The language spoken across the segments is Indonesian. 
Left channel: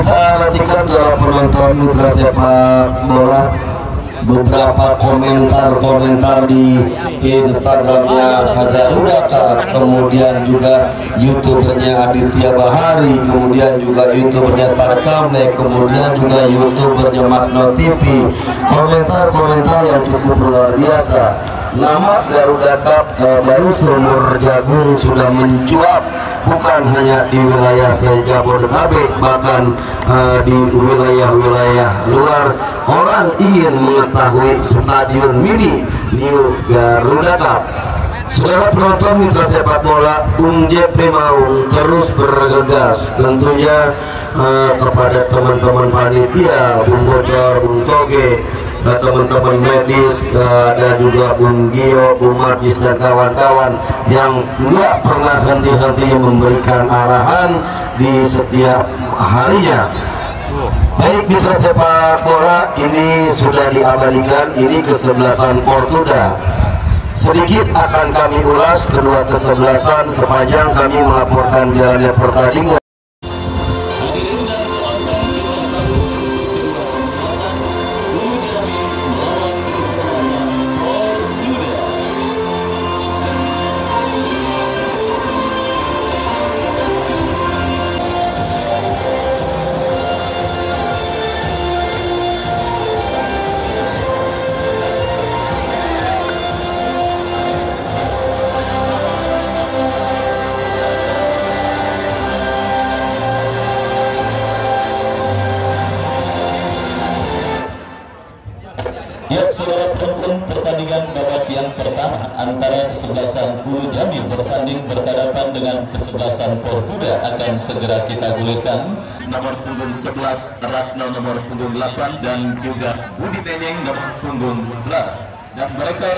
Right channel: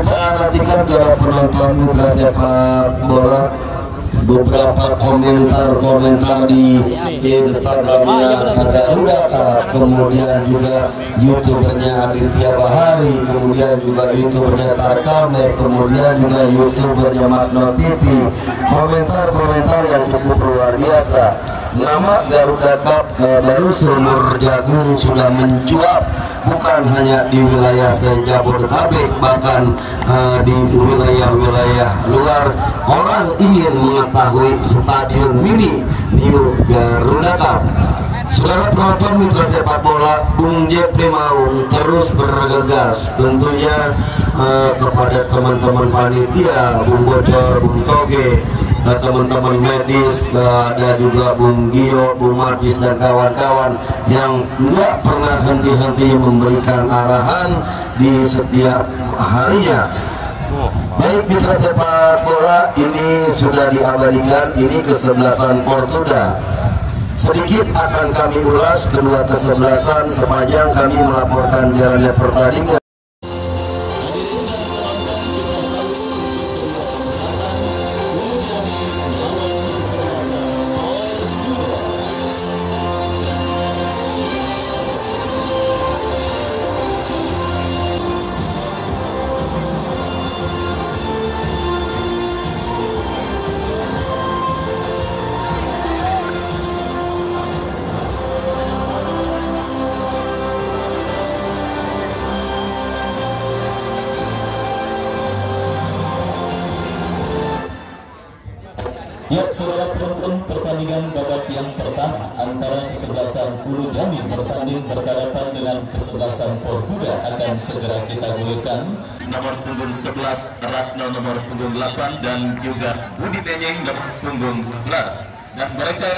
Kita nantikan para penonton mitra sepak bola beberapa komentar di Instagramnya Garuda Cup, kemudian juga youtubernya Aditya Bahari, kemudian juga youtubernya Parkame, kemudian juga youtubernya Mas No TV. Komentar-komentar yang cukup luar biasa. Nama Garuda Cup baru seumur jagung sudah mencuat, bukan hanya di wilayah Jabodetabek, bahkan di wilayah-wilayah luar. Orang ingin mengetahui stadion mini New Garuda Cup. Saudara penonton mitra sepak bola, Bung Jepri Maung terus bergegas tentunya kepada teman-teman panitia, Bung Bocor, Bung Toge, teman-teman medis, ada juga Bung Gio, Bung Marjis dan kawan-kawan yang nggak pernah henti-hentinya memberikan arahan di setiap harinya. Baik mitra sepak bola, ini sudah diabadikan, ini kesebelasan Portuda. Sedikit akan kami ulas kedua kesebelasan sepanjang kami melaporkan jalannya pertandingan. Ya, saudara penonton, pertandingan babak yang pertama antara kesebelasan Hulu Jambi bertanding berhadapan dengan kesebelasan Portuda akan segera kita gulirkan. Nomor punggung 11 Ratno, nomor punggung 8, dan juga Budi Benyeng nomor punggung 11. Dan mereka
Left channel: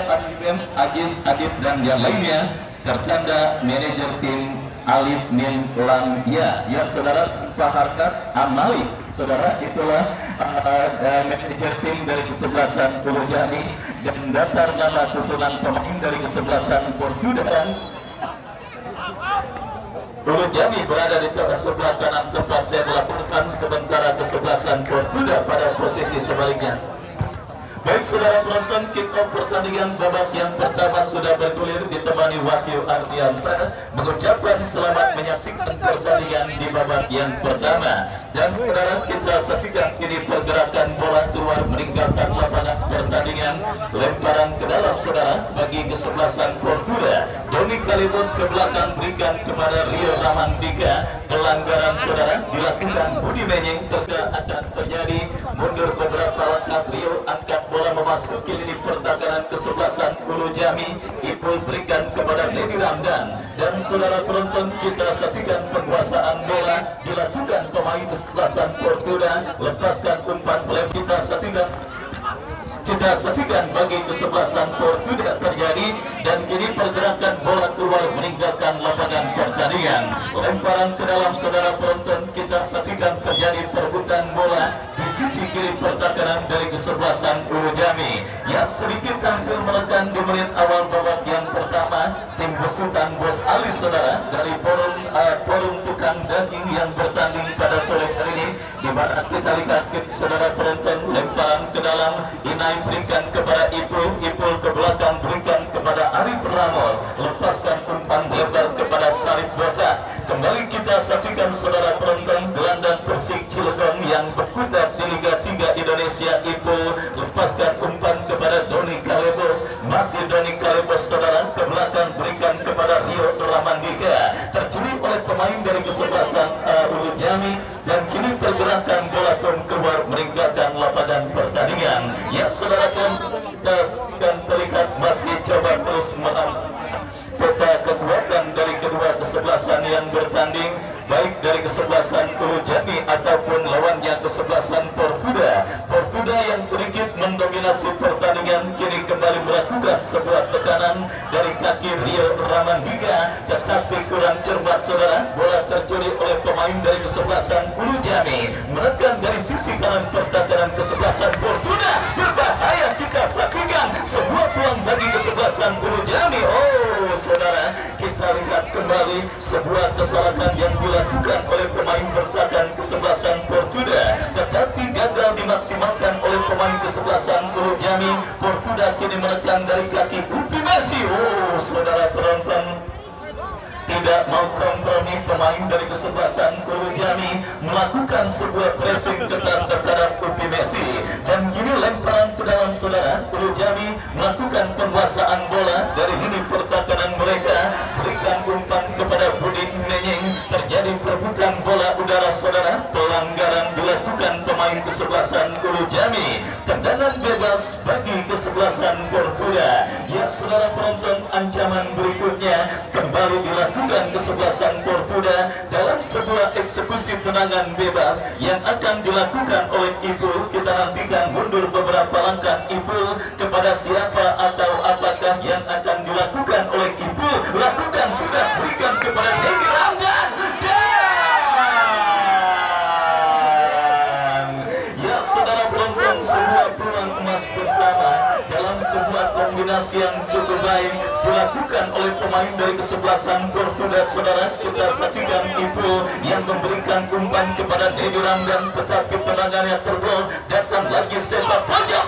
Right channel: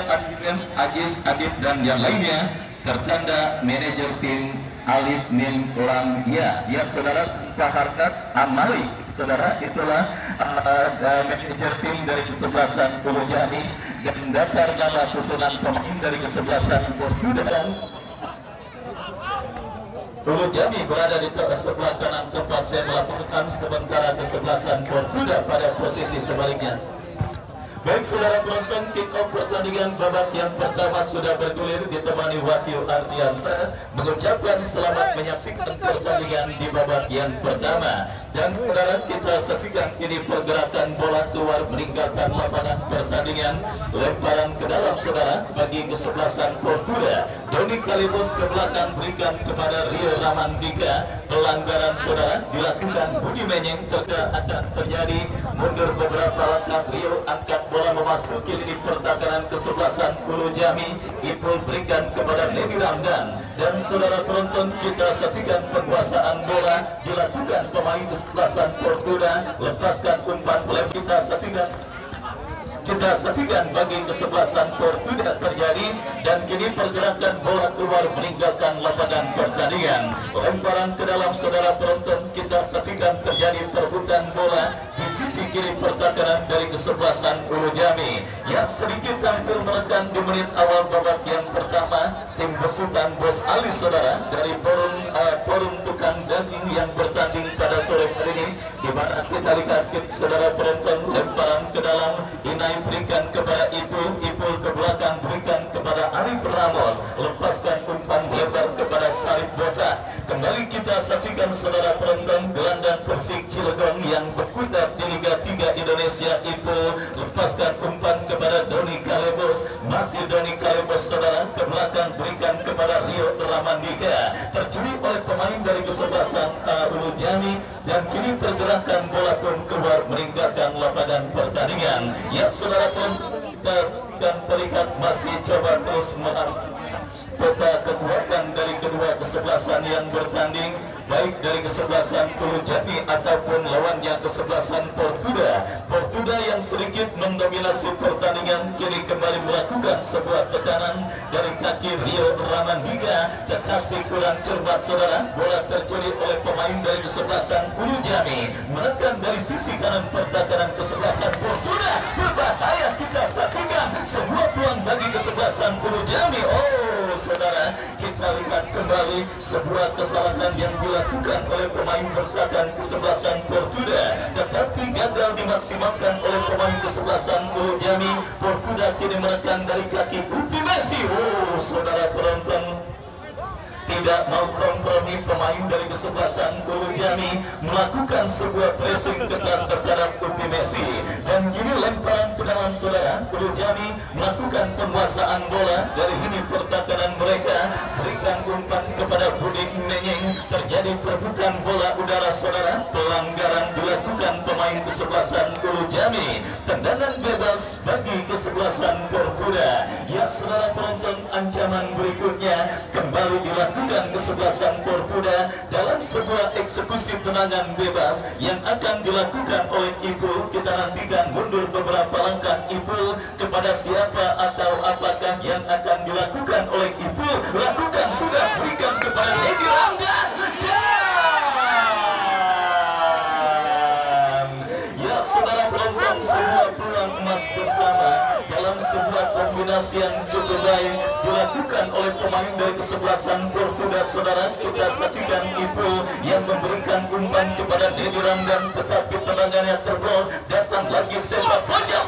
Agis, Adit dan yang lainnya tertanda manajer tim Alif Min Lamia. Ya, saudara, Pak Harkat Amali. Saudara, itulah manajer tim dari kesebelasan Hulu Jambi, dan daftar nama susunan pemain dari kesebelasan Portuda. Dan Hulu Jambi berada di sebelah kanan tempat saya melaporkan, sementara kesebelasan Portuda pada posisi sebaliknya. Baik saudara penonton, kick off pertandingan babak yang pertama sudah bergulir, ditemani Wahyu Ardiansyah mengucapkan selamat menyaksikan pertandingan di babak yang pertama. Dan saudara, kita saksikan ini pergerakan bola keluar meninggalkan lapangan pertandingan, lemparan ke dalam saudara bagi kesebelasan Portuda. Doni Kalibos ke belakang berikan kepada Rio Ramandika. Pelanggaran saudara dilakukan Budi Benyeng, akan terjadi mundur beberapa langkah. Rio angkat bola memasuki lini pertahanan kesebelasan Hulu Jambi. Ipul berikan kepada Nedi Ramdan. Dan saudara penonton, kita saksikan penguasaan bola dilakukan pemain kesebelasan Portuda. Lepaskan umpan lem, kita saksikan bagi kesebelasan Portuda terjadi, dan kini pergerakan bola keluar meninggalkan lapangan pertandingan. Lemparan ke dalam saudara penonton, kita saksikan terjadi perebutan bola di sisi kiri pertahanan dari kesebelasan Hulu Jambi yang sedikit hampir menekan di menit awal babak yang pertama. Tim besutan Bos Ali saudara dari forum tukang daging yang bertanding pada sore hari ini, di mana kita lihat saudara penonton, lemparan ke dalam berikan kepada Ipul ke belakang berikan kepada Arif Ramos, lepaskan umpan lebar kepada Sarip Botak. Kembali kita saksikan saudara penonton, gelandang Persik Cilegon yang berkutat di Liga 3 Indonesia. Ipul lepaskan umpan kepada Doni Kalebos, masih Doni Kalebos saudara ke belakang berikan kepada Rio Ramandika, tercuri oleh pemain dari kesebelasan Hulu Jambi, dan kini pergerakan bola keluar meninggalkan lapangan pertandingan. Ya saudara penonton, kita akan terlihat masih coba terus menang peta kekuatan dari kedua kesebelasan yang bertanding, baik dari kesebelasan Hulu Jambi ataupun lawannya kesebelasan Portuda. Portuda yang sedikit mendominasi pertandingan kini kembali melakukan sebuah tekanan dari kaki Rio Ramandika, tetapi kurang cermat saudara. Bola tercuri oleh pemain dari kesebelasan Hulu Jambi, menekan dari sisi kanan pertahanan kesebelasan Portuda. Berbahaya, kita saksikan sebuah peluang bagi kesebelasan Hulu Jambi. Oh saudara, kita lihat kembali Jami, sebuah kesalahan yang dilakukan oleh pemain bertahan kesebelasan Portuda, tetapi gagal dimaksimalkan oleh pemain kesebelasan Pulau Jami. Portuda kini menekan dari kaki Upi Messi. Saudara penonton, tidak mau kompromi. Pemain dari kesebelasan Pulau Jami melakukan sebuah pressing ketat terhadap Upi Messi, dan kini lemparan ke dalam saudara. Pulau Jami melakukan penguasaan bola dari lini pertahanan mereka, berikan umpan kepada Budi Menying, terjadi perebutan bola udara saudara. Pelanggaran dilakukan pemain kesebelasan Pulau Jami, tendangan bebas bagi kesebelasan Portuda. Ya saudara penonton, ancaman berikutnya kembali dilakukan kesebelasan Portuda dalam sebuah eksekusi tendangan bebas yang akan dilakukan oleh Ipul. Kita nantikan mundur beberapa langkah Ipul, kepada siapa atau apakah yang akan dilakukan oleh Ipul. Lakukan sudah, berikan kepada Dedi Ramdan. Ya saudara penonton, sebuah peluang emas pertama dalam sebuah kombinasi yang cukup baik dilakukan oleh pemain dari kesebelasan Portuda. Saudara, kita saksikan Ipul yang memberikan umpan kepada Dedi Ramdan, tetapi tendangannya terblok. Datang lagi sepak pojok.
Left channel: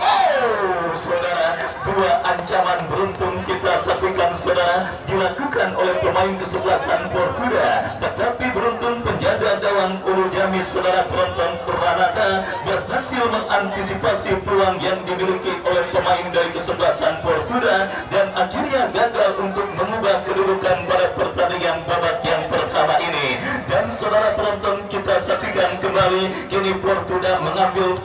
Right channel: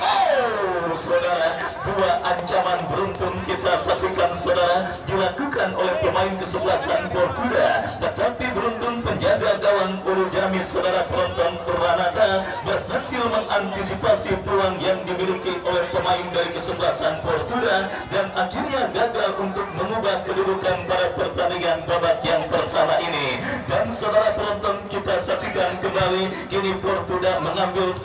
Saudara, dua ancaman beruntun kita saksikan saudara dilakukan oleh pemain kesebelasan Portuda, tetapi beruntun penjaga gawang Pulau Jami saudara penonton Pranata berhasil mengantisipasi peluang yang dimiliki oleh pemain dari kesebelasan Portuda, dan akhirnya gagal untuk mengubah kedudukan pada pertandingan babak yang pertama ini. Dan saudara penonton, kita saksikan kembali kini Portuda mengambil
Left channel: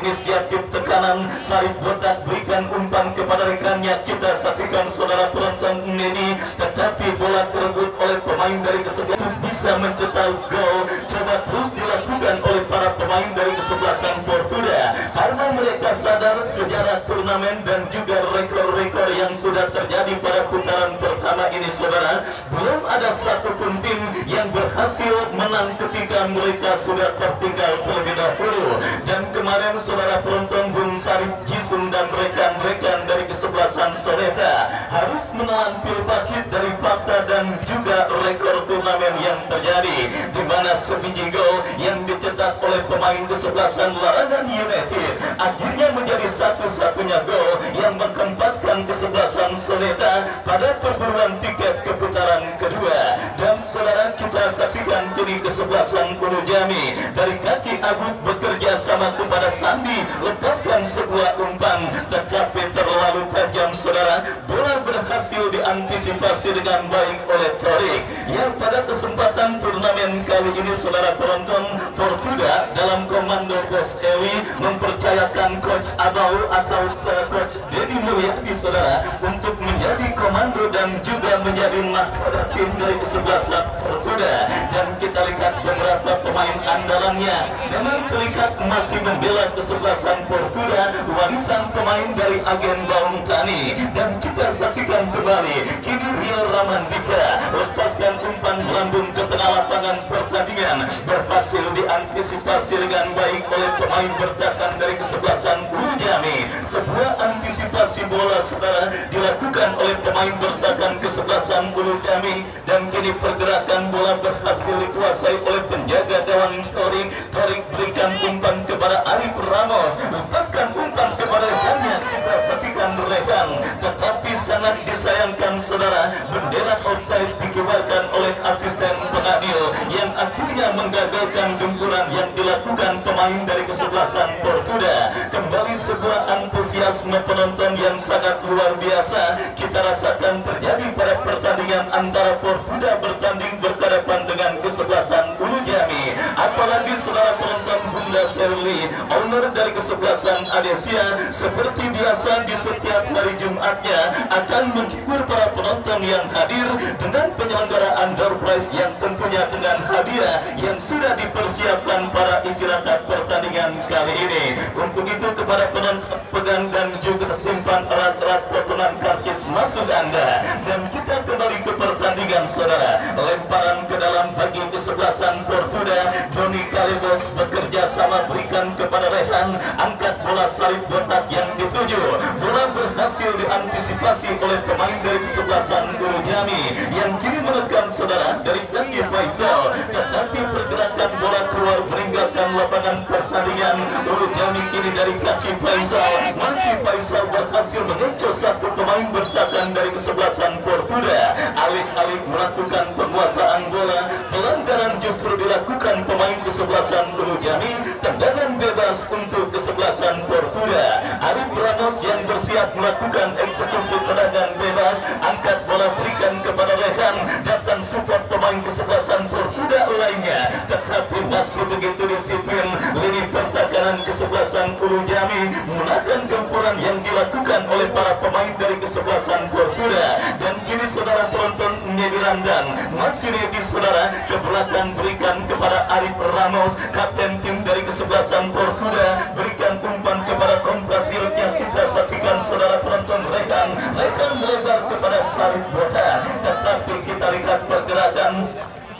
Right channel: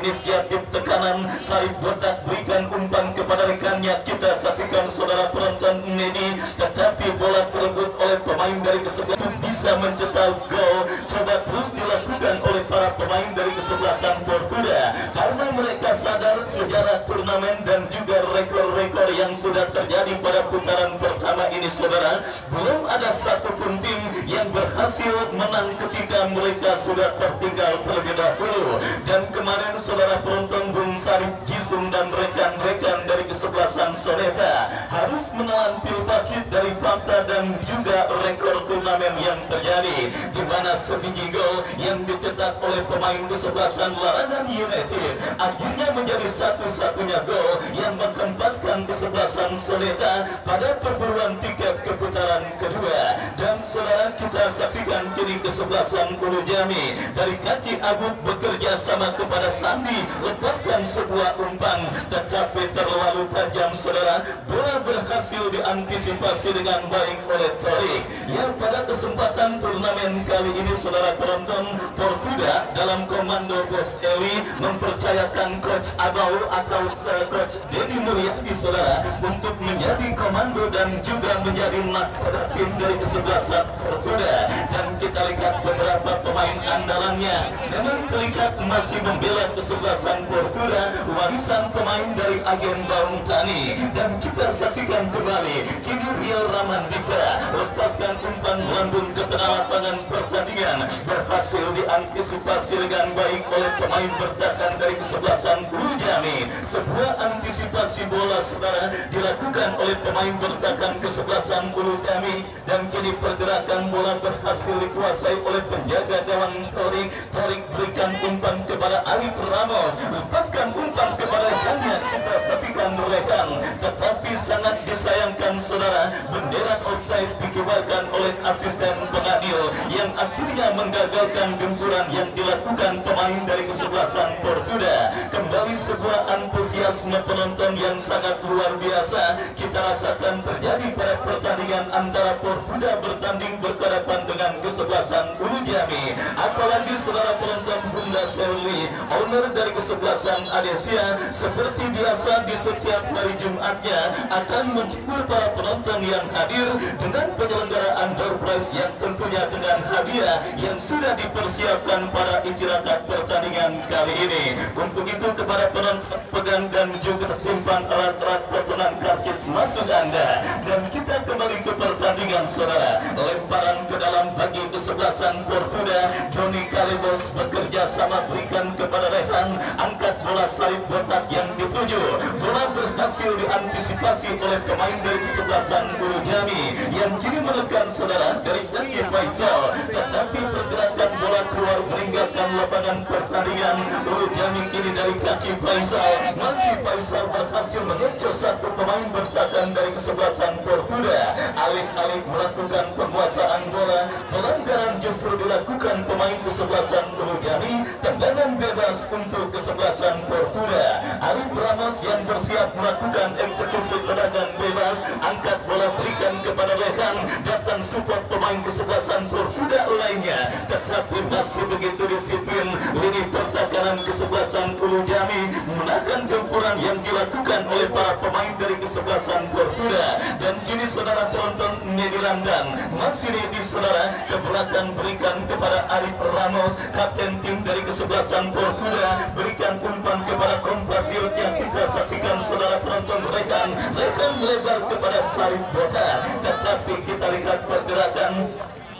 inisiatif tekanan. Sarip Botak berikan umpan kepada rekannya, kita saksikan saudara penonton ini, tetapi bola terebut oleh pemain dari kesebelasan bisa mencetak gol. Coba terus dilakukan oleh para pemain dari kesebelasan Portuda, karena mereka sadar sejarah turnamen dan juga rekor-rekor yang sudah terjadi pada putaran pertama ini saudara. Belum ada satupun tim yang berhasil menang ketika mereka sudah tertinggal terlebih dahulu. Dan kemarin saudara penonton, Bung Sarip Jisung dan rekan-rekan dari kesebelasan Soneta harus menelan pil pahit dari fakta dan juga rekor turnamen yang terjadi, di mana sebiji gol yang dicetak oleh pemain kesebelasan Larangan United akhirnya menjadi satu-satunya gol yang mengkempaskan kesebelasan Soneta pada perburuan tiket ke putaran kedua. Dan saudara, kita saksikan kini kesebelasan Pulau Jami dari kaki Agut bekerja sama kepada Sandi, lepaskan sebuah umpan tetapi terlalu tajam saudara. Bola berhasil diantisipasi dengan baik oleh Torik. Yang pada kesempatan turnamen kali ini saudara penonton, Portuda dalam komando Bos Eli mempercayakan Coach Abau atau Coach Dedi Mulyadi saudara untuk menjadi komando dan juga menjadi mahkota tim dari kesebelasan Portuda. Dan kita lihat beberapa pemain andalannya dengan terikat masih membela kesebelasan Portuda, warisan pemain dari agen Baung Tani. Dan kita saksikan kembali kini Rio Ramandika lepaskan umpan melambung ke tengah lapangan pertandingan, berhasil diantisipasi dengan baik oleh pemain bertahan dari kesebelasan Pulau Jami. Sebuah antisipasi bola saudara dilakukan oleh pemain bertahan kesebelasan Pulau Jami, dan kini pergerakan bola berhasil dikuasai oleh penjaga gawang Torik. Torik berikan umpan kepada Arif Ramos, lepaskan umpan kepada rekannya, kita saksikan rekan, tetapi sangat disayangkan saudara, bendera offside dikibarkan oleh asisten pengadil yang akhirnya menggagalkan gempuran yang dilakukan pemain dari kesebelasan Portuda. Kembali sebuah antusiasme penonton yang sangat luar biasa kita rasakan terjadi pada pertandingan antara Portuda bertanding berhadapan dengan kesebelasan Pulau Jami. Apalagi saudara penonton, Bunda Serli, owner dari kesebelasan Adesia, seperti biasa di setiap hari Jumatnya akan menghibur para penonton yang hadir dengan penyelenggaraan door prize yang tentunya dengan hadiah yang sudah dipersiapkan para istirahat pertandingan kali ini. Untuk itu kepada penonton, pegang dan juga simpan alat-alat potongan karcis masuk Anda, dan kita kembali ke pertandingan. pertandingan saudara. Lemparan ke dalam bagi kesebelasan Portuda. Doni Kalebos bekerja sama berikan kepada Rehan, angkat bola salib botak yang dituju. Bola berhasil diantisipasi oleh pemain dari kesebelasan Guru Jami yang kini menekan saudara dari kaki Faisal, tetapi pergerakan bola keluar meninggalkan lapangan pertandingan. Guru Jami kini dari kaki Faisal, masih Faisal berhasil mengejar satu pemain bertahan dari kesebelasan Portuda. Alih-alih melakukan penguasaan bola, pelanggaran justru dilakukan pemain kesebelasan Guru Jami. Tendangan bebas untuk kesebelasan Portuda. Arif Ramos yang bersiap melakukan eksekusi tendangan bebas, angkat bola berikan kepada Rehan, datang support pemain kesebelasan Portuda lainnya, tetapi masih begitu disiplin. Lini pertahanan kesebelasan Guru Jami menahan gempuran yang dilakukan oleh para pemain dari kesebelasan Portuda. Dan kini saudara penonton Nedi Landang masih ready saudara, ke belakang berikan kepada Arif Ramos, kapten tim dari kesebelasan Portuda, berikan umpan kepada compatriot yang kita saksikan saudara penonton. Rekan melebar kepada salib botak, tetapi kita lihat pergerakan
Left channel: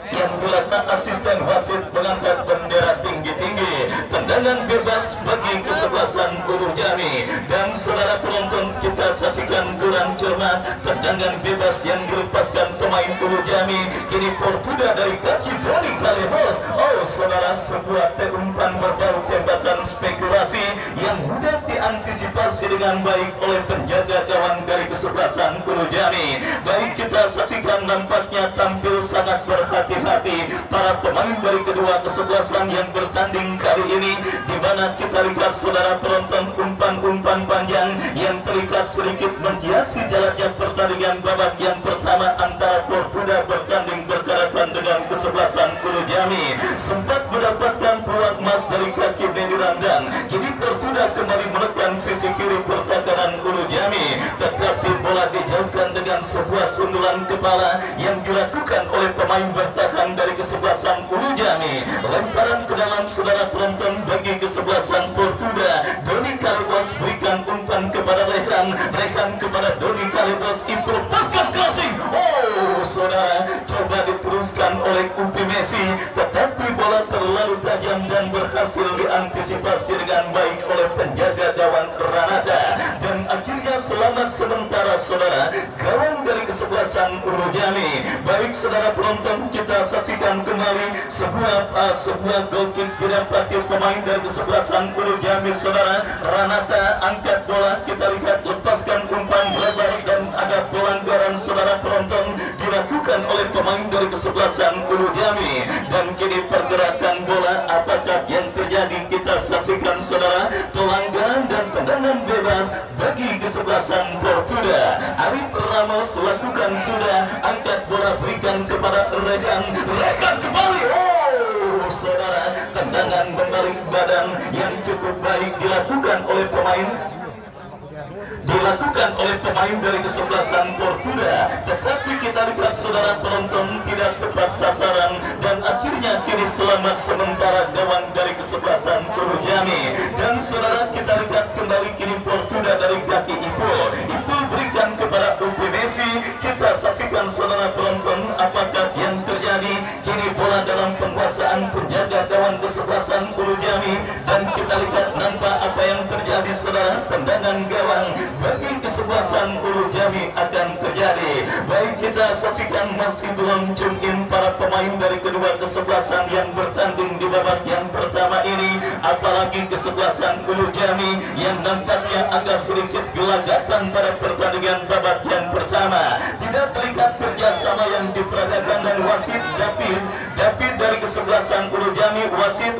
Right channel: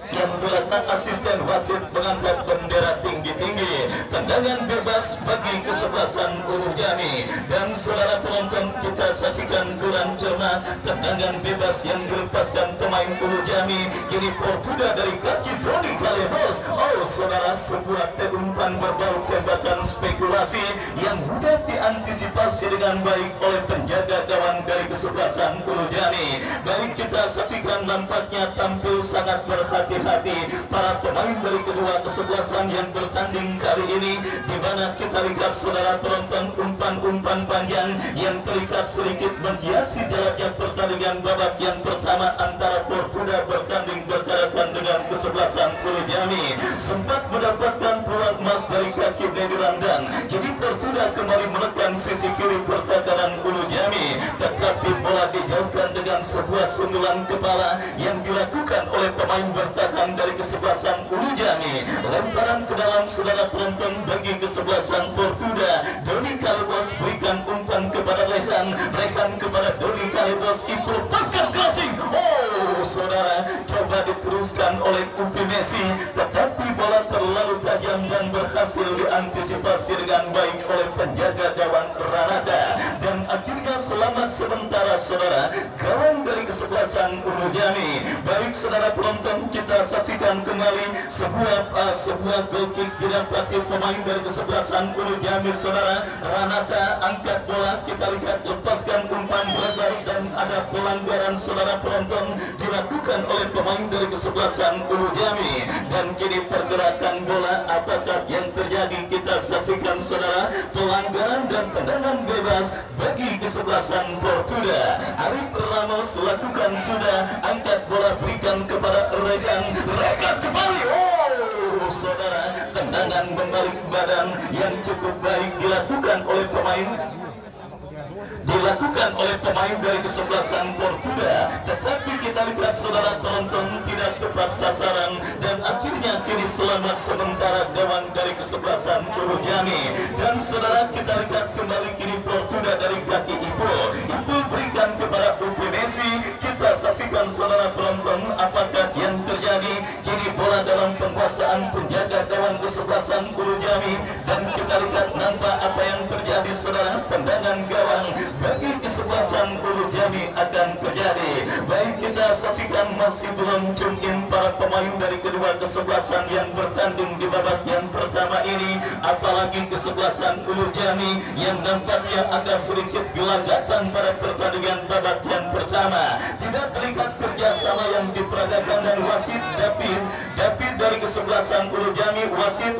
yang dilakukan asisten wasit mengangkat bendera tinggi-tinggi. Tendangan bebas bagi kesebelasan Guru Jami. Dan saudara penonton kita saksikan kurang cermat, tendangan bebas yang dilepaskan pemain Guru Jami. Kini Portuda dari kaki Doni Kalebos. Oh saudara, sebuah umpan berbau tembakan spekulasi yang mudah diantisipasi dengan baik oleh penjaga gawang dari kesebelasan Guru Jami. Baik kita saksikan, nampaknya tampil sangat berhati-hati para pemain dari kedua kesebelasan yang bertanding kali ini, di mana kita lihat saudara penonton umpan-umpan panjang yang terikat sedikit menghiasi jalannya pertandingan babak yang pertama antara Portuda bertanding berhadapan dengan kesebelasan Guru Jami. Sempat mendapatkan peluang emas dari kaki Nedi Landang. Kini Portuda kembali menekan sisi kiri pertahanan Guru Jami, tetapi bola dijauhkan dengan sebuah sundulan kepala yang dilakukan oleh pemain bertahan dari kesebelasan Guru Jami. Lemparan ke dalam saudara penonton bagi kesebelasan Portuda. Doni Kalebos berikan umpan kepada Rehan kepada Doni Kalebos, Ibu lepaskan crossing. Oh saudara, coba diteruskan oleh Upi Messi, tetapi bola terlalu tajam dan berhasil diantisipasi dengan baik oleh penjaga gawang Ranata. Dan akhirnya selamat sementara saudara gawang dari kesebelasan Guru Jami. Baik saudara penonton, kita saksikan kembali sebuah goal kick didapati pemain dari kesebelasan Guru Jami saudara. Ranata angkat bola, kita lihat lepaskan umpan lebar dan ada pelanggaran saudara penonton dilakukan oleh pemain dari kesebelasan Guru Jami. Dan kini pergerakan bola apakah yang terjadi, kita saksikan saudara, pelanggaran dan tendangan bebas bagi kesebelasan Portuda. Arif Ramos lakukan sudah, angkat bola berikan kepada Rekan kembali. Oh saudara, tendangan berbalik badan yang cukup baik dilakukan oleh pemain dari kesebelasan Portuda, tetapi kita lihat saudara penonton tidak tepat sasaran dan akhirnya kini selamat sementara gawang dari kesebelasan Guru Jami. Dan saudara kita lihat kembali kini Portuda dari kaki Ipul berikan kepada Upi Messi. Kita saksikan saudara penonton apakah yang terjadi. Kini bola dalam penguasaan penjaga gawang kesebelasan Guru Jami dan kita lihat nampak apa yang terjadi saudara. Tendangan gawang bagi kesebelasan Guru Jami akan terjadi. Baik kita saksikan masih belum tune in para pemain dari kedua kesebelasan yang bertanding di babak yang pertama ini, apalagi kesebelasan Guru Jami yang nampaknya agak sedikit gelagapan pada pertandingan babak yang pertama. Tidak terlihat kerjasama yang diperagakan dan wasit David dari kesebelasan Guru Jami, wasit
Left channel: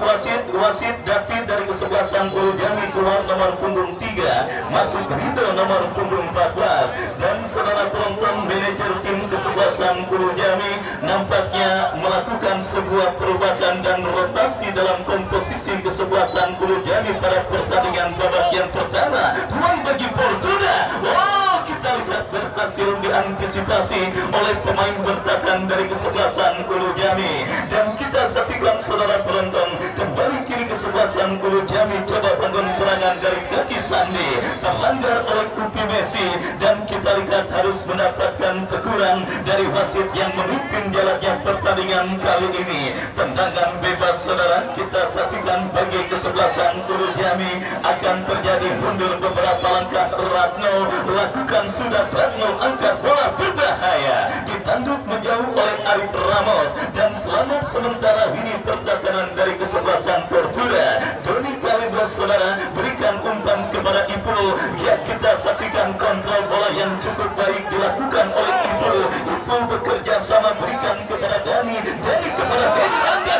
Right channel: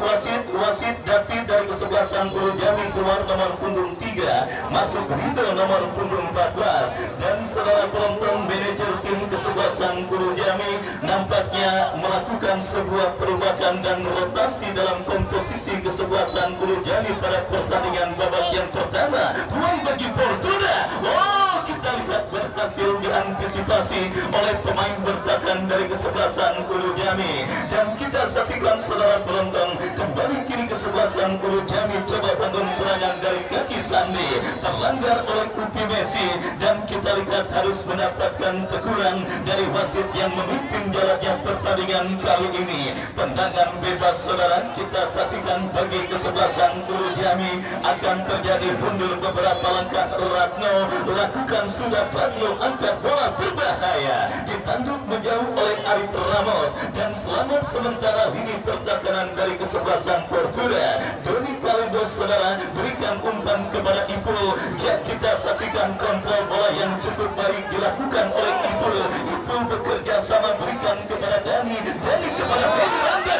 David dari kesebelasan Guru Jami keluar nomor punggung 3, masuk Rido nomor punggung 14. Dan saudara penonton, manajer tim kesebelasan Guru Jami nampaknya melakukan sebuah perubahan dan rotasi dalam komposisi kesebelasan Guru Jami pada pertandingan babak yang pertama. Peluang bagi Portuda. Wow, kita lihat berhasil diantisipasi oleh pemain bertahan dari kesebelasan Ulu Jami. Dan kita saksikan saudara penonton, kembali kini kesebelasan Ulu Jami coba bangun serangan dari kaki Sandi, terlanggar oleh Upi Messi, dan kita lihat harus mendapatkan teguran dari wasit yang memimpin jalannya pertandingan kali ini. Tendangan bebas saudara kita saksikan bagi kesebelasan Ulu Jami, akan terjadi mundur beberapa langkah. Ratno lakukan sudah, Ratno angkat bola berbahaya, ditanduk menjauh oleh Arif Ramos, dan selamat sementara ini pertahanan dari kesebelasan Portugal. Doni Kalidos saudara berikan umpan kepada Ipul, ya kita saksikan kontrol bola yang cukup baik dilakukan oleh Ipul. Ipul bekerja sama berikan kepada Dani, Dani kepada Benny Rangga.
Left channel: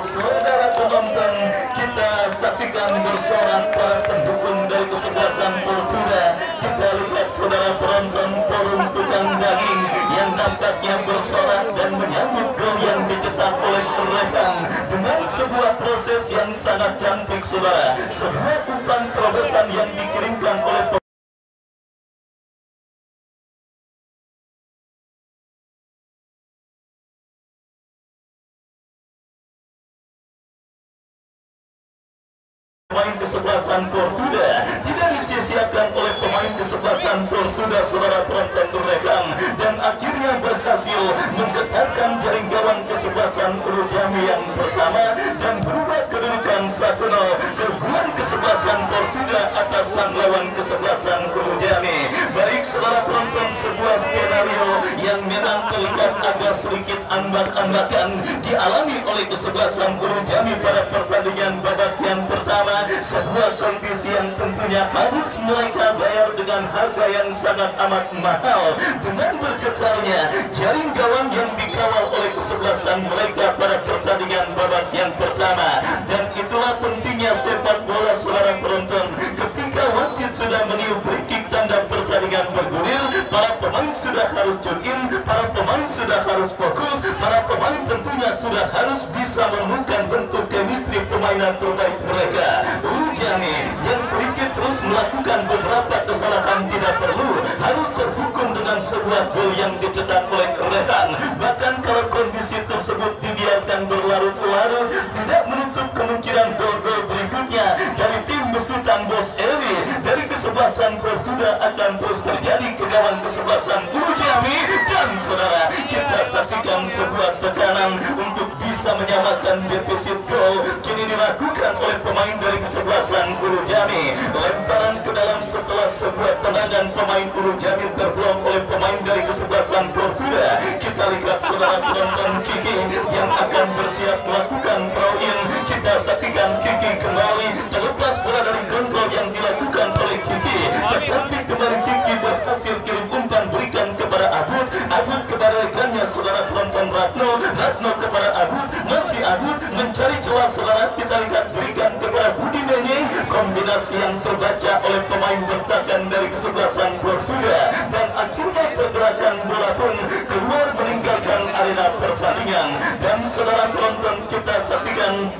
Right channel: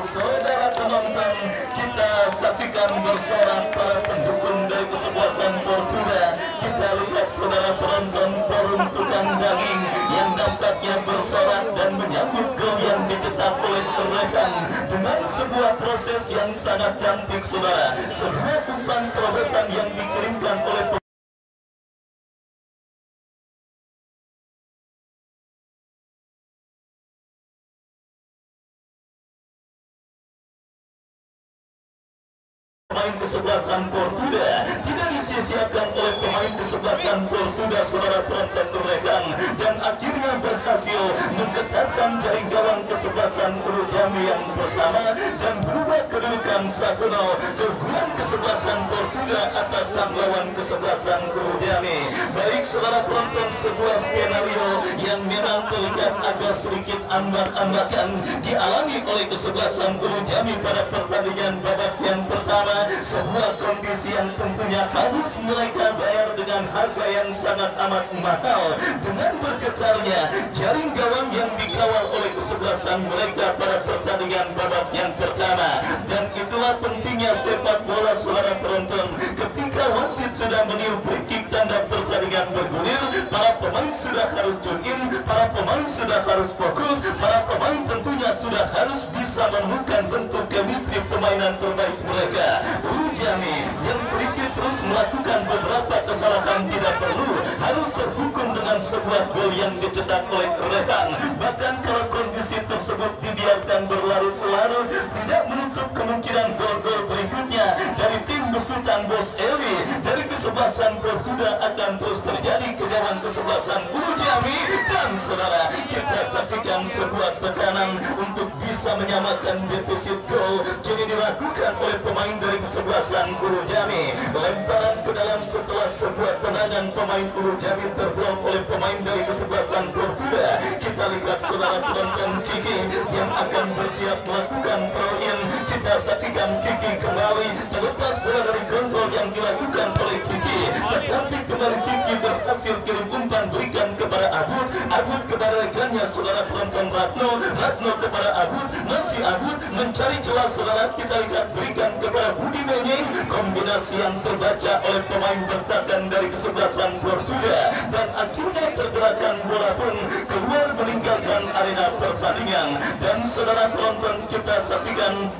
Saudara penonton, kita saksikan bersorak para pendukung dari kesebelasan Portugal. Kita lihat saudara penonton forum tukang daging yang nampaknya bersorak dan menyambut gol yang dicetak oleh rekan dengan sebuah proses yang sangat cantik saudara. Sebuah umpan terobosan yang dikirimkan oleh pemain kesebelasan Portugal, tidak disia-siakan oleh pemain kesebelasan Portugal saudara penonton rekan, dan akhirnya berhasil menggetarkan jaring gawang kesebelasan Ulu Jami yang pertama dan berubah kedudukan 1-0 keunggulan kesebelasan Portugal atas sang lawan kesebelasan Ulu Jami. Baik saudara penonton, sebuah skenario yang memang terlihat agak sedikit ambak-ambakan dialami oleh kesebelasan Ulu Jami pada pertandingan babak yang pertama. Sebuah kondisi yang tentunya harus mereka bayar dengan harga yang sangat amat mahal dengan bergetarnya jaring gawang yang dikawal oleh kesebelasan mereka pada pertandingan babak yang pertama. Dan itulah pentingnya sepak bola saudara penonton, ketika wasit sudah meniup free-kick tanda pertandingan bergulir, para pemain sudah harus jogging, para pemain sudah harus fokus, para pemain tentunya sudah harus bisa menemukan bentuk chemistry permainan terbaik mereka. Ulu Jami yang sedikit terus melakukan beberapa kesalahan tidak perlu harus terhukum dengan sebuah gol yang dicetak oleh rekan. Bahkan kalau kondisi tersebut dibiarkan berlarut-larut, tidak menutup kemungkinan gol-gol berikutnya dari tim besutan Bos Eli dari kesebelasan Portugal akan terus terjadi ke gawang kesebelasan Ulu Jami. Dan saudara, kita saksikan sebuah tekanan untuk bisa menyamakan defisit gol kini dilakukan oleh pemain dari kesebelasan Ulu Jami. Lemparan ke dalam setelah sebuah tendangan pemain Ulu Jami terblok oleh pemain dari kesebelasan Portugal. Kita lihat saudara penonton Kiki yang akan bersiap melakukan throw-in. Kita saksikan Kiki kembali terlepas bola dari kontrol yang dilakukan oleh Kiki, tetapi kembali Kiki berhasil kirim umpan berikan kepada Abud, Abud kepada rekannya saudara penonton Ratno, Ratno kepada Abud, masih Abud mencari celah saudara. Kita lihat berikan kepada Budi Menying, kombinasi yang terbaca oleh pemain bertahan dari kesebelasan Portugal, dan akhirnya pergerakan bola pun keluar meninggalkan arena pertandingan. Dan saudara penonton, kita saksikan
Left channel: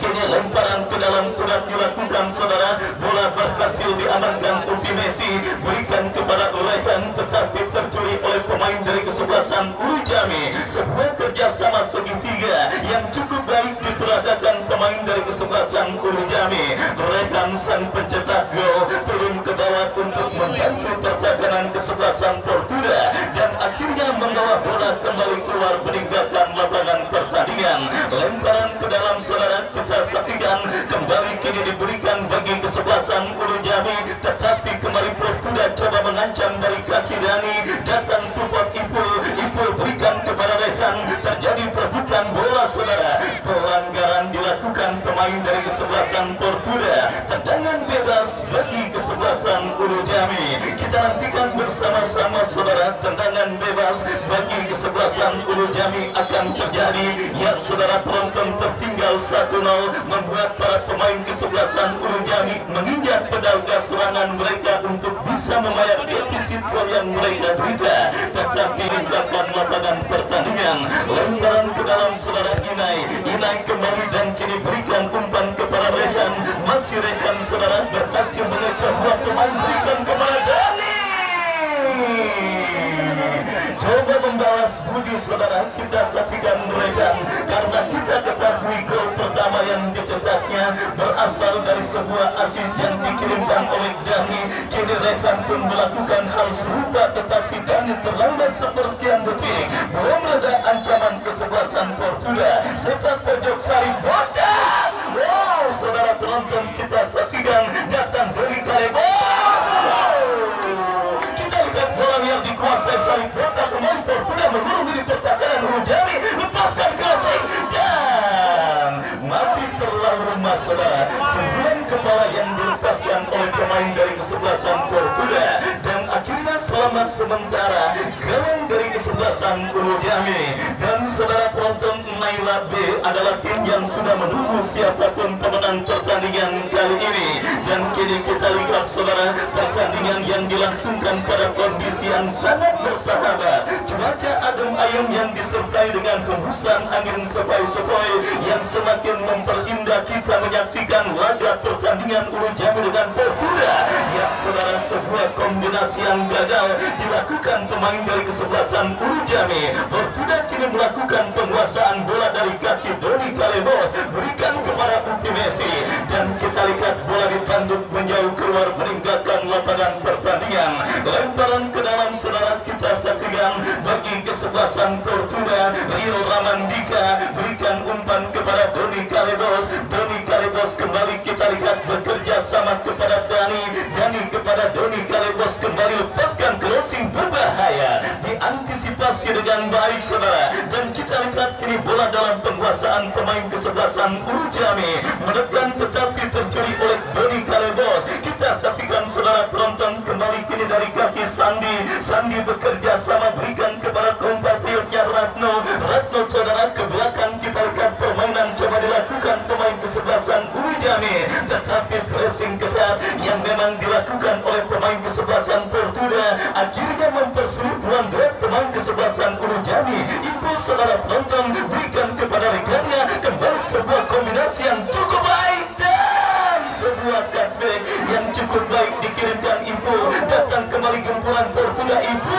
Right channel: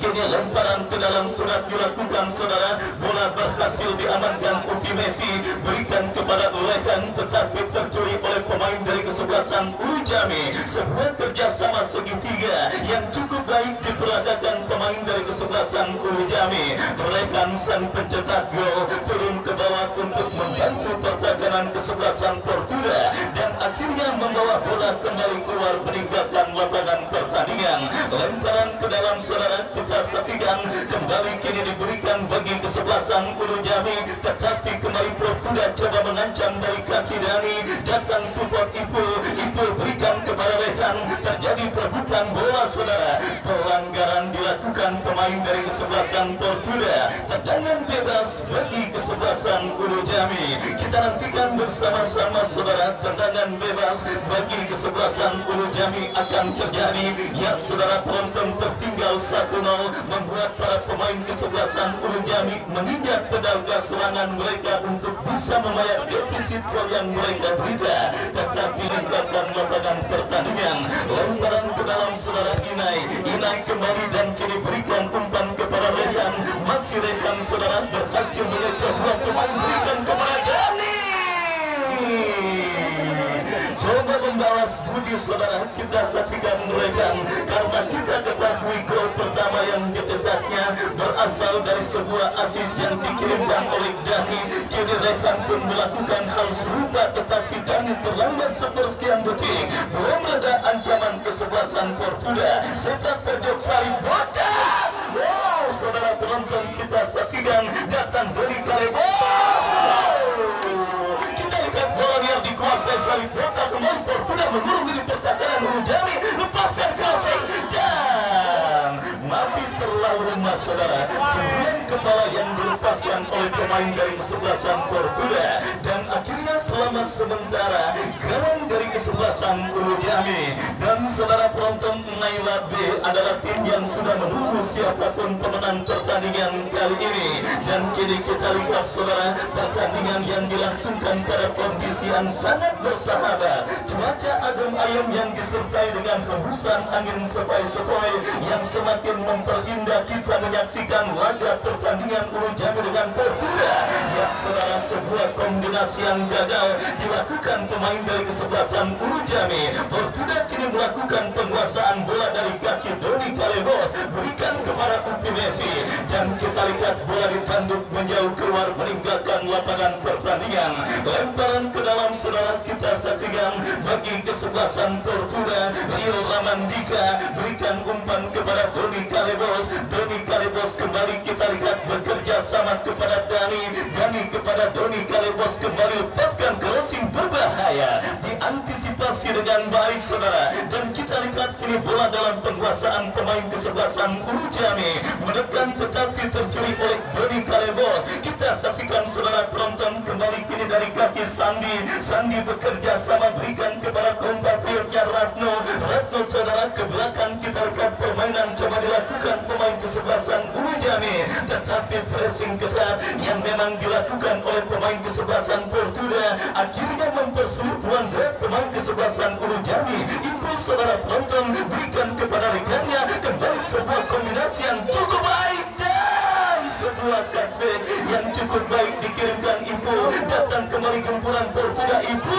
kini lemparan ke dalam sudah dilakukan saudara, bola berhasil diamankan Upi Messi, berikan kepada rekan tetapi tercuri oleh pemain dari kesebelasan Ulu Jami. Sebuah kerjasama segitiga yang cukup baik diperagakan pemain dari kesebelasan Ulu Jami. Rekan sang pencetak gol turun ke bawah untuk membantu pertahanan kesebelasan Portugal dan akhirnya membawa bola kembali keluar meninggalkan lapangan pertandingan. Lemparan ke dalam saudara, kita saksikan kembali kini diberikan bagi kesebelasan Ulu Jami, tetapi kembali Portugal coba mengancam dari kaki Dani, datang support Ipul, Ipul berikan kepada rekan, terjadi perebutan bola saudara. Pelanggaran dilakukan pemain dari kesebelasan Portugal, tendangan bebas bagi kesebelasan Ulu Jami. Kita nantikan bersama-sama saudara, tendangan bebas bagi kesebelasan Ulu Jami akan terjadi. Ya saudara penonton, tertinggal 1-0 membuat para pemain kesebelasan Ulu Jami menginjak pedal gas serangan mereka untuk bisa bisa membayar defisit gol yang mereka derita, tetapi meninggalkan lapangan pertandingan. Lemparan ke dalam saudara Inai kembali dan kini berikan umpan kepada Rehan. Masih Rehan saudara berhasil mengejar dua pemain, berikan kepada Dani. Coba membalas budi saudara, kita saksikan Rehan, karena kita ketahui gol pertama yang dicetaknya berasal dari sebuah asis yang dikirimkan oleh Dani. Kini Rehan pun melakukan hal serupa, tetapi Dani terlambat sepersekian detik. Belum ada ancaman kesebelasan Portugal. Sepak pojok Sarip botak. Wow, saudara penonton, kita saksikan datang dari Kalebos. Kita lihat bola yang dikuasai Sarip botak, kemudian Portugal mengurung di pertahanan Hurujami, lepaskan crossing dan masih terlalu lemah saudara. Sebuah kepala yang dilepaskan oleh pemain dari kesebelasan Portugal, dan akhirnya selamat sementara kawan dari kesebelasan Hurujami. Dan saudara penonton, Naila B adalah tim yang sudah menunggu siapapun pemenang pertandingan kali ini. Dan kini kita lihat saudara, pertandingan yang dilangsungkan pada kondisi yang sangat bersahabat. Cuaca adem ayem yang disertai dengan hembusan angin sepoi-sepoi yang semakin memperindah kita menyaksikan laga pertandingan Hurujami dengan Portugal. Ya saudara, sebuah kombinasi yang gagal dilakukan pemain dari kesebelasan Hurujami. Portugal kini melakukan penguasaan bola dari kaki Doni Kalebos, berikan kepada Upi Messi, dan kita lihat bola ditanduk menjauh keluar meninggalkan lapangan pertandingan. Lemparan ke dalam saudara, kita saksikan bagi kesebelasan Portugal. Rio Ramandika berikan umpan kepada Doni Kalebos. Doni Kalebos kembali kita lihat bekerja sama kepada Dani kepada Doni Kalebos, kembali lepaskan crossing berbahaya, diantisipasi dengan baik saudara. Dan kita lihat kini bola dalam penguasaan pemain kesebelasan Hurujami, menekan tetapi tercuri oleh Doni Kalebos. Kita saksikan saudara penonton, kembali kini dari kaki Sandi bekerja sama, berikan kepada kompatriotnya Ratno saudara ke belakang. Kita lihat permainan coba dilakukan pemain kesebelasan Hurujami, tetapi pressing ketat yang memang dilakukan oleh pemain kesebelasan Portugal akhirnya mempersulit ruang gerak pemain kesebelasan Hurujami. Impuls saudara penonton, berikan kepada rekannya, kembali sebuah kombinasi yang cukup baik dan sebuah cutback yang cukup baik dikirimkan Ibu. Datang kembali gempuran Portugal Ibu.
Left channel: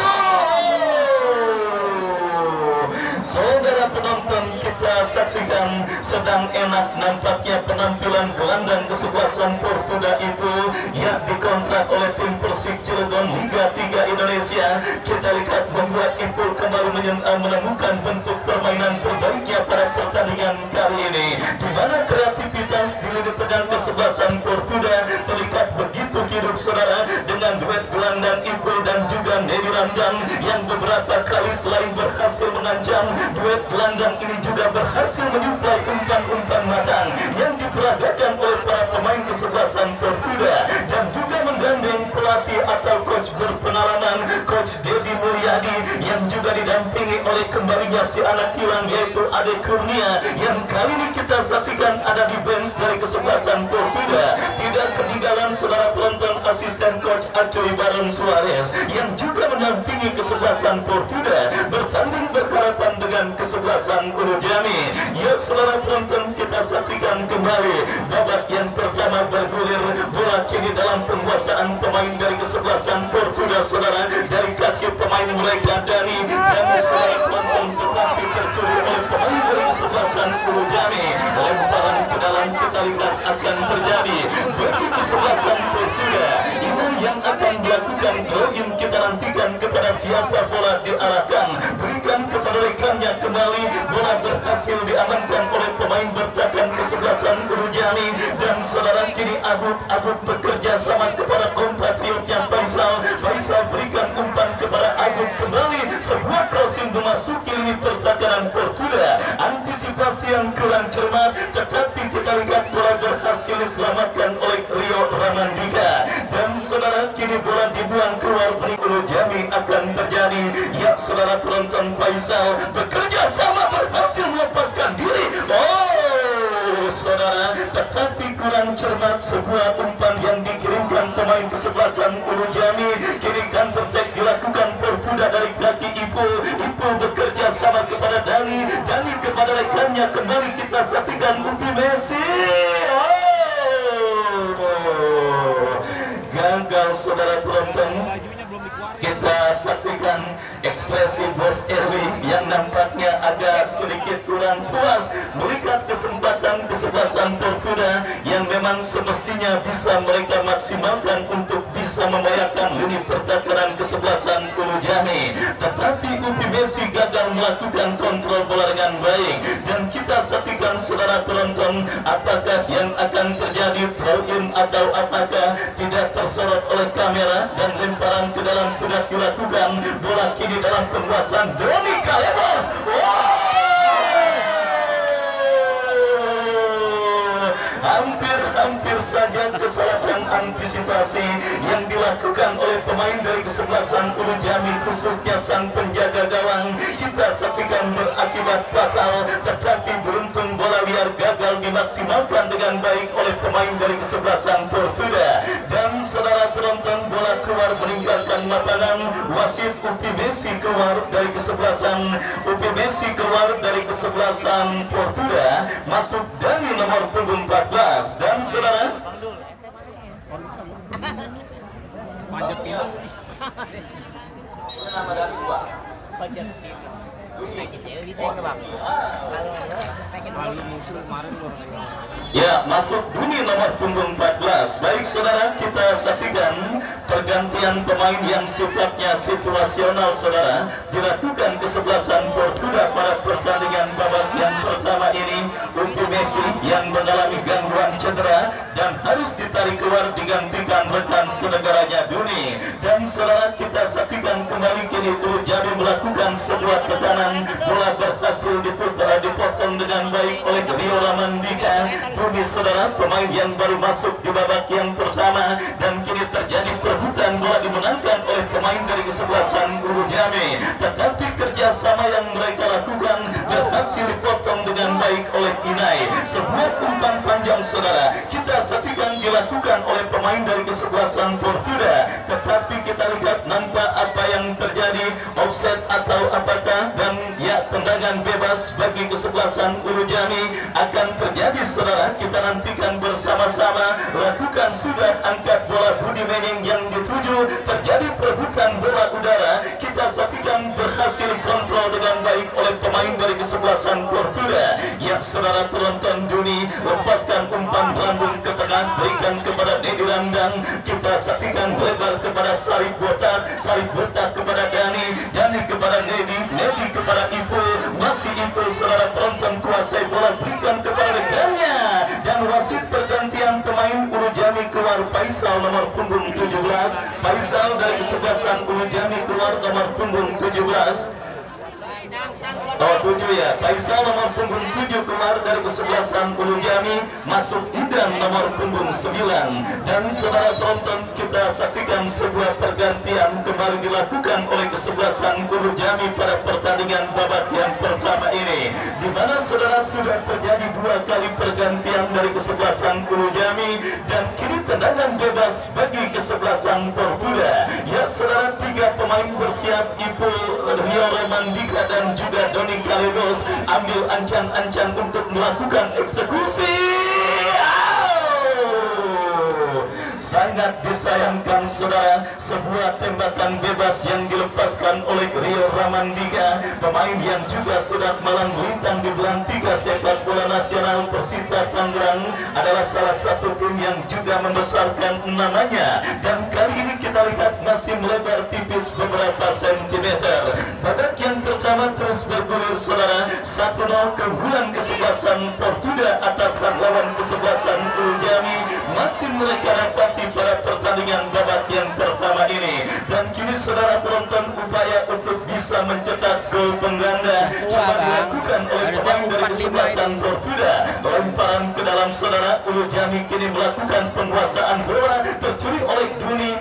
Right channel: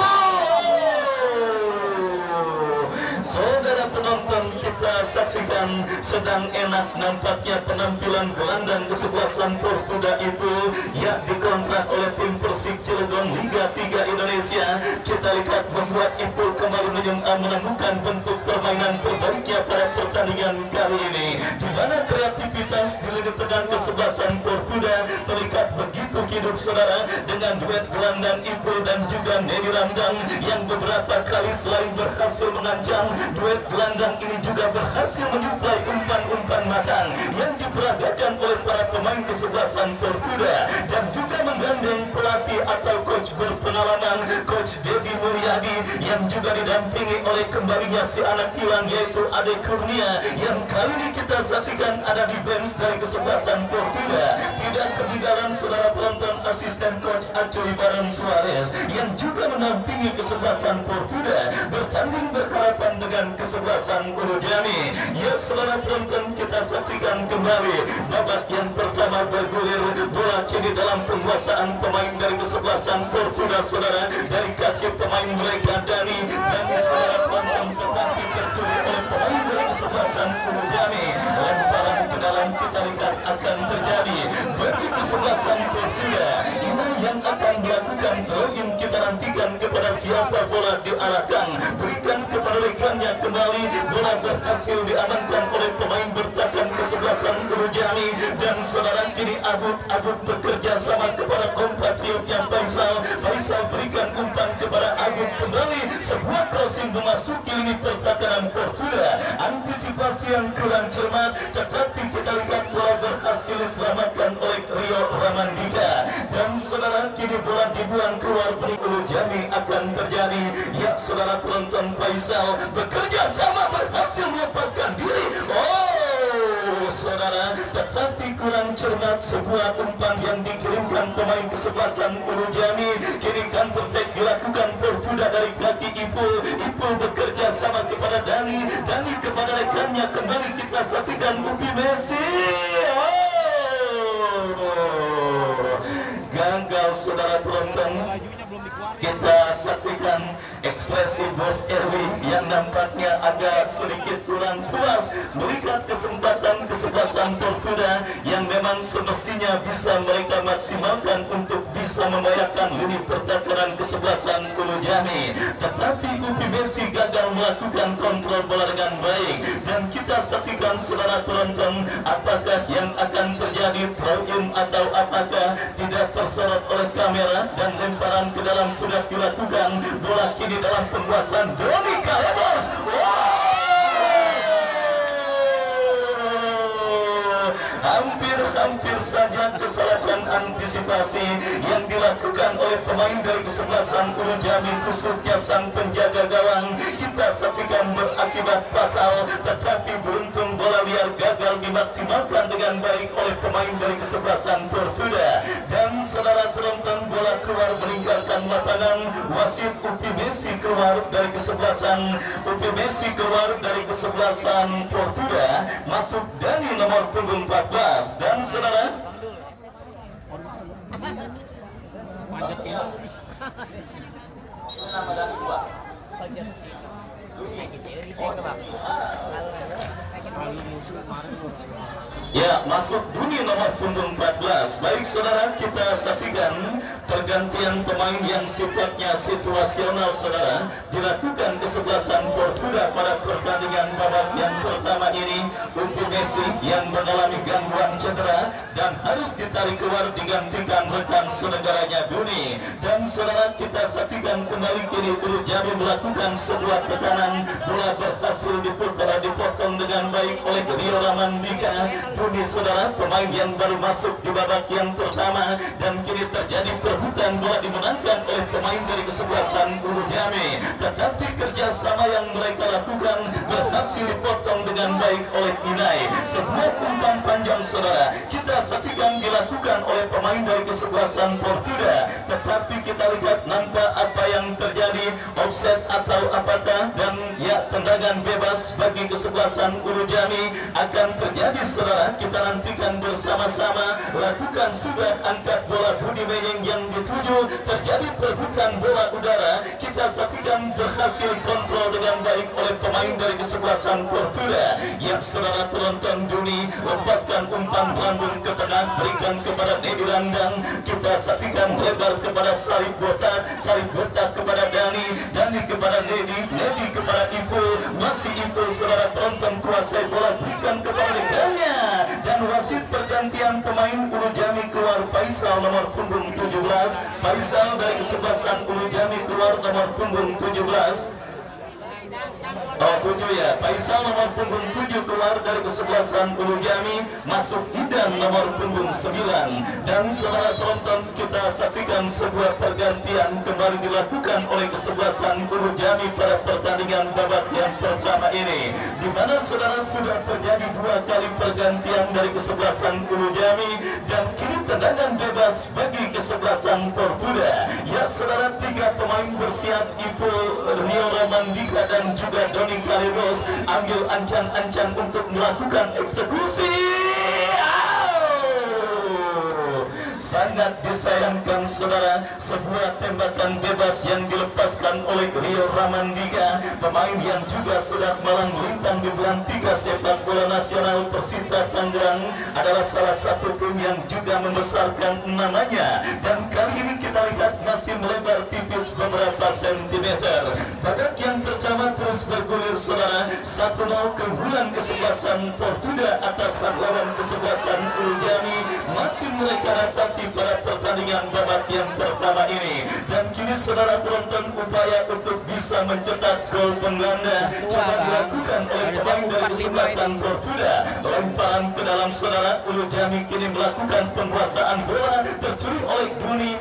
Saudara penonton, kita saksikan sedang enak nampaknya penampilan gelandang kesebelasan Portugal Ibu yang dikontrak oleh tim Persik Cilegon Liga 3 Indonesia. Kita lihat membuat Ibu kembali menemukan bentuk permainan terbaiknya pada pertandingan kali ini, di mana kreativitas di lini tengah kesebelasan Portugal terlihat begitu hidup saudara, dengan duet gelandang Ibu dan juga Nedi Ramdan yang beberapa kali selain berhasil mengancam, duet gelandang ini juga berhasil menyuplai umpan-umpan matang yang diperagakan oleh para pemain kesebelasan Portugal, dan juga menggandeng pelatih atau coach berpengalaman, Coach Dedi Mulyadi, yang juga didampingi oleh kembalinya si anak hilang yaitu Ade Kurnia, yang kali ini kita saksikan ada di bench dari kesebelasan Portugal. Tidak ketinggalan saudara penonton, asisten coach Acoy Baron Suarez yang juga mendampingi kesebelasan Portugal bertanding berhadapan dengan kesebelasan Hurujami. Ya saudara penonton, kita saksikan kembali babak yang pertama bergulir, bola kini dalam penguasaan pemain dari kesebelasan Portugal saudara, dari kaki pemain mereka Dani saudara penonton, tetapi tercuri oleh pemain dari kesebelasan Hurujami. Lemparan ke dalam kita lihat akan terjadi bagi kesebelasan Portugal. Ini yang akan dilakukan throw-in, kita nantikan kepada siapa bola diarahkan, berikan kepada rekannya, kembali bola berhasil diamankan oleh pemain bertahan kesebelasan Hurujami. Dan saudara kini Abud bekerja sama kepada kompatriotnya Faisal berikan umpan kepada Abud, kembali sebuah crossing memasuki lini pertahanan Portugal, antisipasi yang kurang cermat, tetapi kita lihat bola berhasil diselamatkan oleh Rio Ramandika. Dan saudara kini bola dibuang keluar, Hurujami akan terjadi. Ya saudara penonton, Faisal bekerja sama berhasil melepaskan diri. saudara, tetapi kurang cermat sebuah umpan yang dikirimkan pemain kesebelasan Ulu Jami. Kini counter attack dilakukan Portuda dari kaki Ipul. Ipul bekerja sama kepada Dani kepada rekannya. Kembali kita saksikan Upi Messi. Gagal saudara penonton. Kita saksikan ekspresi Bos Erli yang nampaknya agak sedikit kurang puas melihat kesempatan kesebelasan Portuda yang memang semestinya bisa mereka maksimalkan untuk bisa membayarkan lini pertahanan kesebelasan Ulu Jami. Tetapi Upi Messi gagal melakukan kontrol bola dengan baik, dan kita saksikan saudara penonton apakah yang akan terjadi, throw in atau apakah tidak tersorot oleh kamera, dan lemparan ke dalam sudah dilakukan. Bola kini dalam penguasaan Doni Kalebos. Hampir saja kesalahan antisipasi yang dilakukan oleh pemain dari kesebelasan Ulu Jami, khususnya sang penjaga gawang. Kita saksikan berakibat fatal, tetapi beruntung bola liar gagal dimaksimalkan dengan baik oleh pemain dari kesebelasan Portuda. Dan saudara penonton, bola keluar meninggalkan lapangan. Wasit Upi Messi keluar dari kesebelasan Portuda. Masuk Dani nomor punggung 14. Dan saudara, nama dan dua. Ya, masuk Duni nomor punggung 14. Baik saudara, kita saksikan pergantian pemain yang sifatnya situasional saudara dilakukan kesebelasan Portuga pada pertandingan babak yang pertama ini. Upi Messi yang mengalami gangguan cedera dan harus ditarik keluar digantikan rekan senegaranya Duni. Dan saudara, kita saksikan kembali kini Ulu Jami melakukan sebuah tekanan. Bola berhasil dipotong dengan baik oleh Rio Ramandika. Duni saudara, pemain yang baru masuk di babak yang pertama, dan kini terjadi perebutan bola dimenangkan oleh pemain dari kesebelasan Ulu Jami. Tetapi kerjasama yang mereka lakukan berhasil dipotong dengan baik oleh Inai. Sebuah umpan panjang saudara kita saksikan dilakukan oleh pemain dari kesebelasan Portuda, tetapi kita lihat nampak apa yang terjadi, offset atau apakah, dan ya tendangan bebas bagi kesebelasan Ulu Jami akan terjadi saudara. Kita nantikan bersama-sama. Lakukan sudah angkat bola Budi Menying yang dituju, terjadi perebutan bola udara. Kita saksikan berhasil kontrol dengan baik oleh pemain dari kesebelasan Portuda. Ya saudara penonton, Duni lepaskan umpan melambung ke tengah, berikan kepada Nedi Randang. Kita saksikan lebar kepada Sarip Botak kepada Dani kepada Nedi kepada Ipul, masih Ipul saudara penonton kuasai bola, berikan kepada rekannya. Dan wasit pergantian pemain Ulu Jami keluar Faisal nomor punggung 17. Faisal dari kesebelasan Ulu Jami keluar nomor punggung 17. Oh 7 ya, Faisal nomor punggung 7 keluar dari kesebelasan Ulu Jami, masuk Idan nomor punggung 9. Dan saudara penonton, kita saksikan sebuah pergantian kembali dilakukan oleh kesebelasan Ulu Jami pada pertandingan babak yang pertama ini, di mana saudara sudah terjadi 2 kali pergantian dari kesebelasan Ulu Jami, dan kini tendangan bebas bagi kesebelasan Portuda. Ya saudara, 3 pemain bersiap, Ipul, Rio Ramandika dan juga Doni Kalebos ambil ancang-ancang untuk melakukan eksekusi. Sangat disayangkan saudara, sebuah tembakan bebas yang dilepaskan oleh Rio Ramandika, pemain yang juga sudah malang melintang di belantika sepak bola nasional Persita Tangerang, adalah salah satu tim yang juga membesarkan namanya. Dan kali ini kita lihat masih melebar tipis beberapa sentimeter. Babak yang pertama terus bergulir saudara, 1-0 keunggulan kesebelasan Portuda atas lawan kesebelasan Ulu Jami masih mereka dapati pada pertandingan babak yang pertama ini. Dan kini saudara penonton, upaya untuk bisa mencetak gol pengganda coba dilakukan oleh pemain dari kesebelasan Portuda. Lemparan ke dalam saudara, Ulu Jami kini melakukan penguasaan bola, tercuri oleh Duni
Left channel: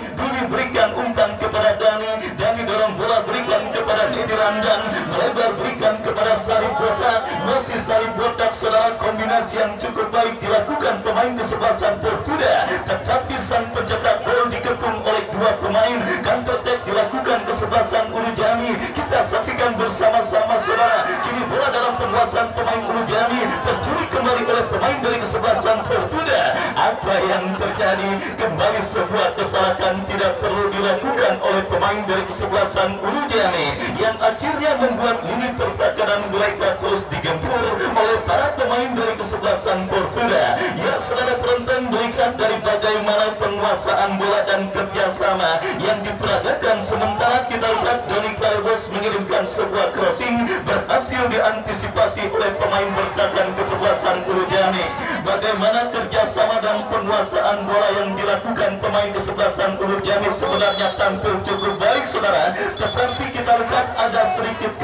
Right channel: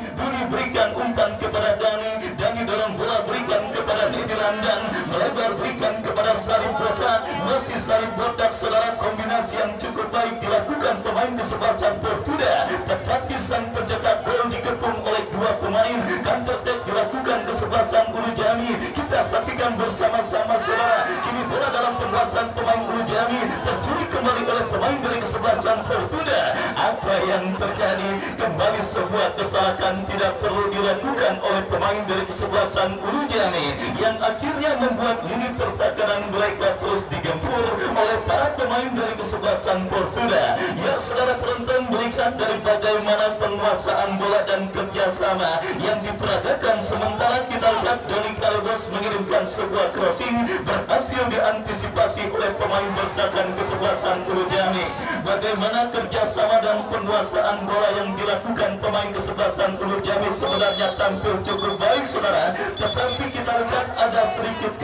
berikan umpan kepada Dani dorong bola berikan kepada Nedi Randang, melebar berikan kepada Sarip Botak, masih Sarip Botak saudara kombinasi yang cukup baik dilakukan pemain kesebelasan Portuda, tetapi sang pencetak gol dikepung oleh dua pemain. Counter attack dilakukan kesebelasan Ulu Jami. Kita saksikan bersama-sama saudara. Kini bola dalam penguasaan pemain Ulu Jami tercuri kembali oleh pemain dari kesebelasan Portuda. Apa yang terjadi? Kembali sebuah kesalahan tidak perlu dilakukan oleh pemain dari kesebelasan Ulu Jami yang akhirnya membuat lini pertahanan mereka terus digempur oleh para pemain dari kesebelasan Portuda. Ya saudara penonton, melihat dari bagaimana penguasaan bola dan kerjasama yang diperagakan, sementara kita lihat Doni Karebos mengirimkan sebuah crossing berhasil diantisipasi oleh pemain bertahan kesebelasan Ulu Jami. Bagaimana kerjasama dan penguasaan bola yang dilakukan pemain kesebelasan Ulu Jami sebenarnya tampil cukup baik saudara, tetapi kita lihat ada sedikit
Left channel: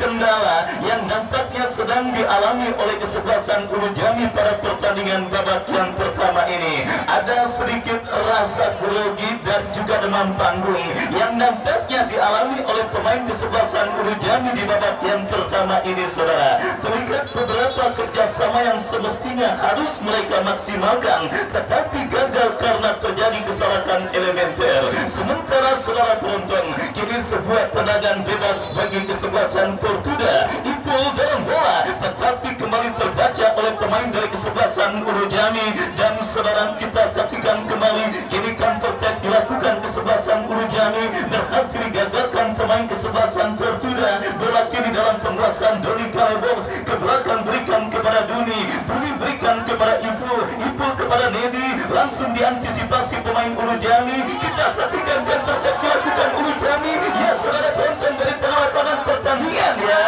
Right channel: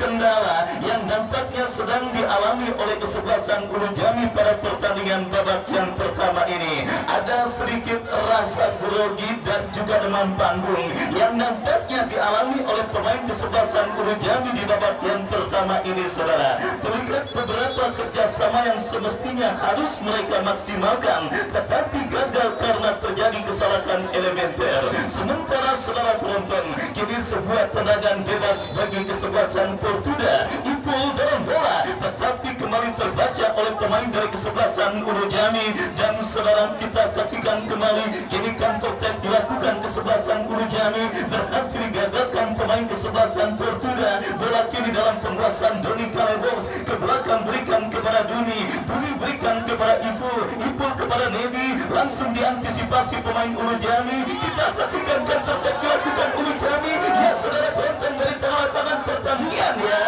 kendala yang nampaknya sedang dialami oleh kesebelasan Ulu Jami pada pertandingan babak yang pertama ini. Ada sedikit rasa grogi dan juga demam panggung yang nampaknya dialami oleh pemain kesebelasan Ulu Jami di babak yang pertama ini saudara. Terlihat beberapa kerjasama yang semestinya harus mereka maksimalkan, tetapi gagal karena terjadi kesalahan elementer. Sementara saudara penonton, kini sebuah tendangan bebas bagi kesebelasan Portuda. Ipul dalam bola, tetapi kembali terbaca oleh pemain dari kesebelasan Ulu Jami. Dan saudara, kita saksikan kembali kini counter attack dilakukan kesebelasan Ulu Jami, berhasil digagalkan pemain kesebelasan Portuda. Bola kini dalam penguasaan Doni Karebos, ke belakang berikan kepada Duni berikan kepada Ipul kepada Nedi, langsung diantisipasi pemain Ulu Jami. Kita saksikan counter attack dilakukan Ulu Jami. Ya saudara penonton, dari tengah lapangan pertandingan ya.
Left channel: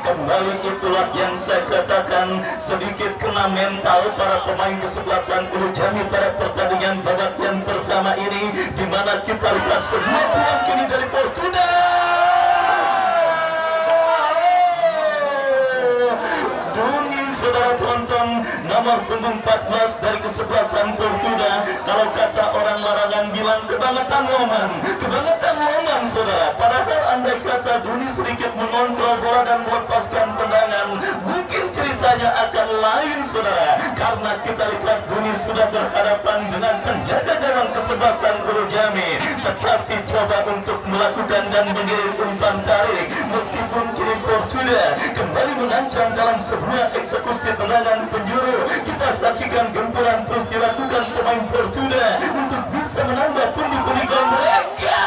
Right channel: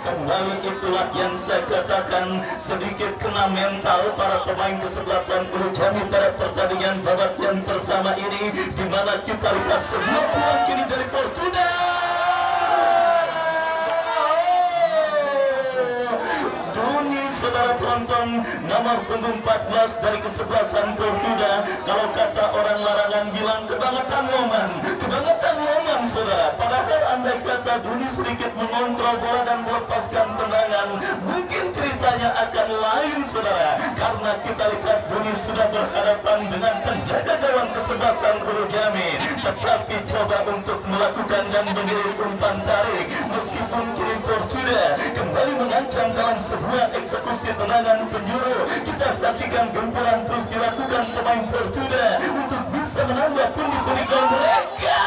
Kembali itulah yang saya katakan, sedikit kena mental para pemain kesebelasan Ulu Jami pada pertandingan babak yang pertama ini, di mana kita lihat sebuah peluang kini dari Portuda. Duni saudara penonton, nomor punggung 14 dari kesebelasan Portuda. Kalau kata orang larangan bilang kebangetan momen saudara. Padahal andai kata Duni sedikit mengontrol bola dan melepaskan tendangan, mungkin ceritanya akan lain saudara. Karena kita lihat Duni sudah berhadapan dengan penjaga gawang kesebelasan Ulu Jami, tetapi coba untuk melakukan dan mengirim umpan tarik. Meskipun kini Portuda kembali mengancam dalam sebuah eksekusi tendangan penjuru. Kita saksikan gempuran terus dilakukan pemain Portuda untuk bisa menambah pundi-pundi gol mereka.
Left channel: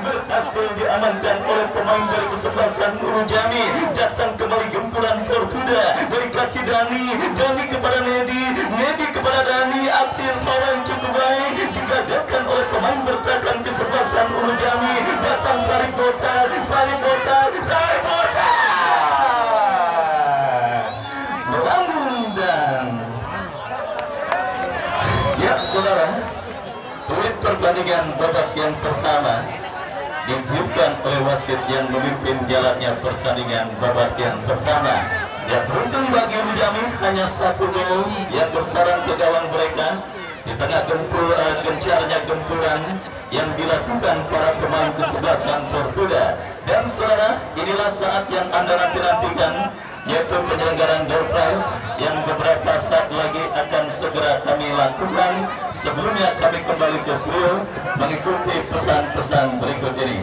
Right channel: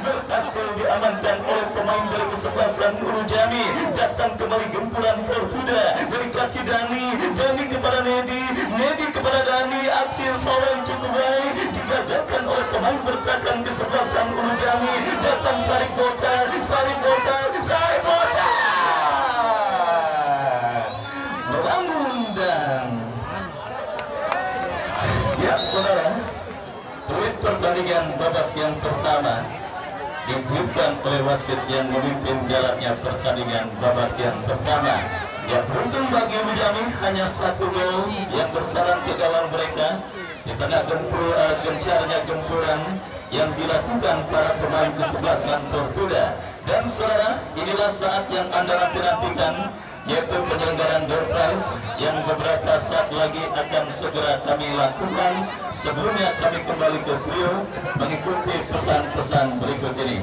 Berhasil diamankan oleh pemain dari kesebelasan Ulu Jami. Datang kembali gempuran Portuda dari kaki Dani kepada Nedi kepada Dani. Aksi solo yang cukup baik digagalkan oleh pemain bertahan kesebelasan Ulu Jami. Datang Sarip Botar melambung dan ya saudara, peluit pertandingan babak yang pertama ditiupkan oleh wasit yang memimpin jalannya pertandingan babak yang pertama. Ya, beruntung bagi Ulu Jami, hanya satu gol yang bersarang ke gawang mereka di tengah gencarnya gempuran yang dilakukan para pemain kesebelasan Portuda. Dan saudara, inilah saat yang Anda nanti-nantikan, yaitu penyelenggaraan door prize yang beberapa saat lagi akan segera kami lakukan. Sebelumnya kami kembali ke studio mengikuti pesan-pesan berikut ini.